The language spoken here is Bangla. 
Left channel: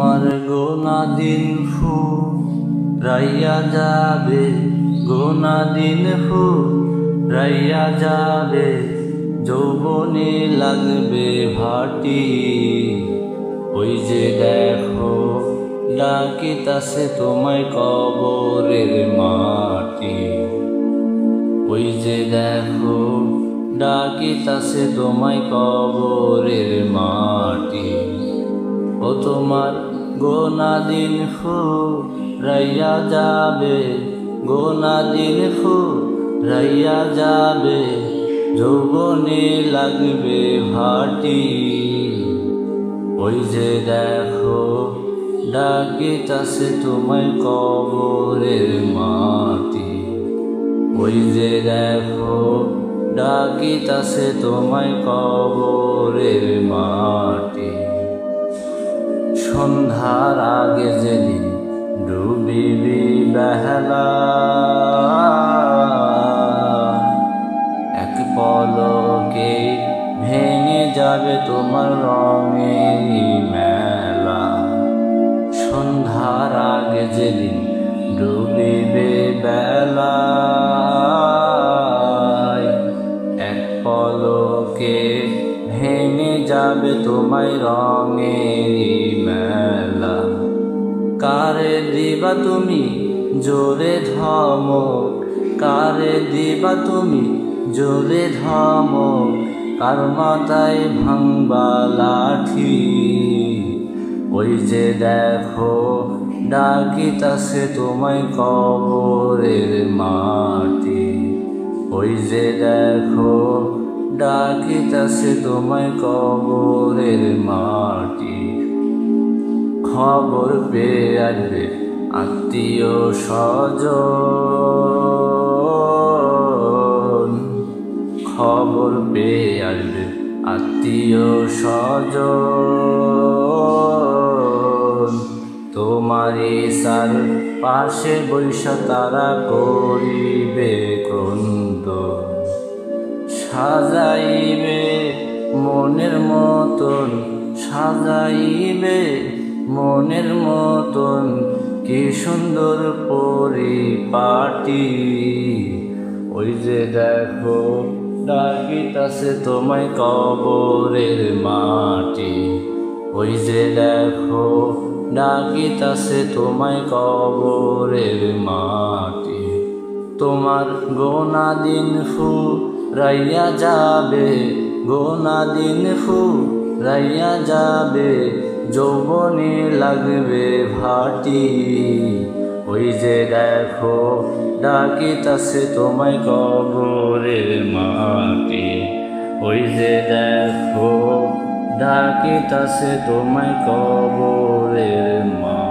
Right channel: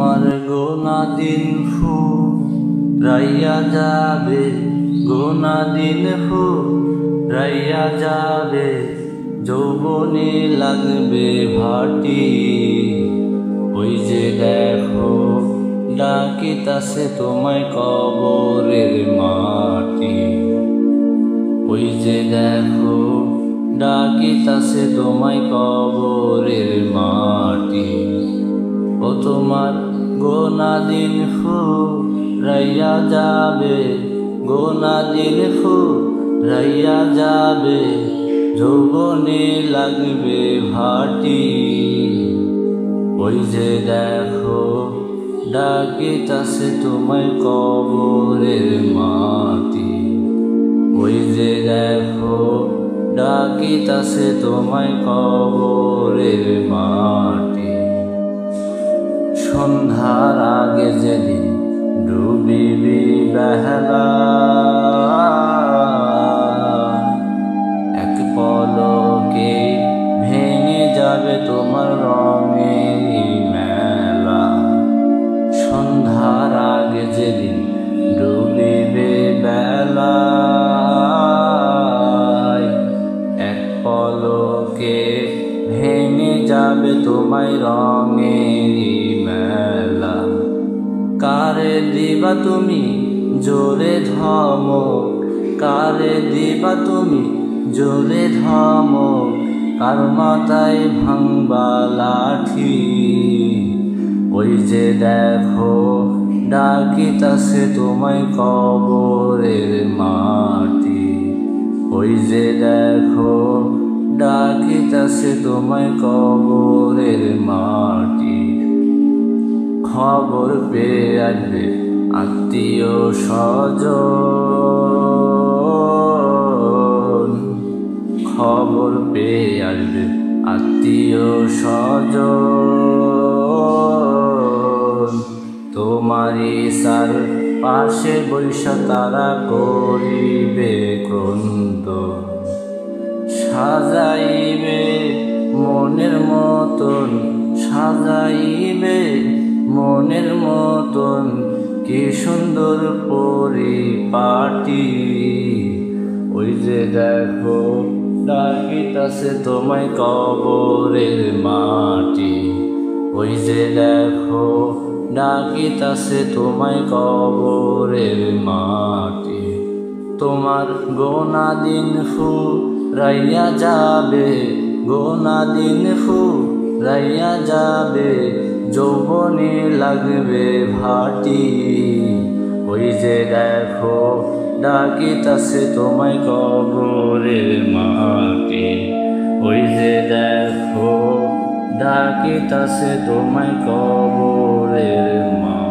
তোমার গোনা দিন ফুরাইয়া যাবে, গোনা দিন ফুরাইয়া যাবে, যৌবনে লাগবে ভাটি। ওই যে দেখো ডাকিতাছে তোমায় কবরের মাটি। ওই যে দেখো ডাকিতাছে তোমায় কবরের মাটি। ও তোমার গোনা দিন ফুরাইয়া যাবে, গোনা দিন ফুরাইয়া যাবে, যৌবনে লাগবে ভাটি। ওই যে দেখো ডাকিতাছে তোমায় কবরের মাটি। ওই যে দেখো ডাকিতাছে তোমায় কবরের মাটি। সন্ধ্যার আগে যেদিন ডুবিবি বেলা, এক পলকে ভেঙে যাবে তোমার রঙের মেলা। সন্ধ্যার আগে যেদিন ডুবিবে বেলা, এক পলকে ভেঙে যাবে তোমায় রঙের মেলা। কারে দিবা তুমি জোরে ধমক, কারে দিবা তুমি জোরে ধমক, কার মাথায় ভাঙবা লাঠি। ওই যে দেখো ডাকিতাছে তোমায় কবরের মাটি। ওই যে দেখো ডাকিতাছে তোমায় কবরের মাটি। খবর পেয়ে আসবে আত্মীয় স্বজন, খবর পেয়ে আসবে আত্মীয় স্বজন। তোমারই সার পাশে বৈশা তারা করিবে ক্রন্দন। সাজাইবে মনের মতন, সাজাইবে মনের মতন, কি সুন্দর পরিপাটি। ওই যে দেখো ডাকিতাছে তোমায় কবরের মাটি। ওই যে দেখো ডাকিতাছে তোমায় কবরের মাটি। তোমার গোনা দিন ফুরাইয়া যাবে, গোনা দিন ফুরাইয়া যাবে, যৌবনে লাগবে ভাটি। ওই যে দেখো ডাকিতাছে তোমায় কবরের মাটি। ওই যে দেখো ডাকিতাছে তোমায় কবরের মাটি।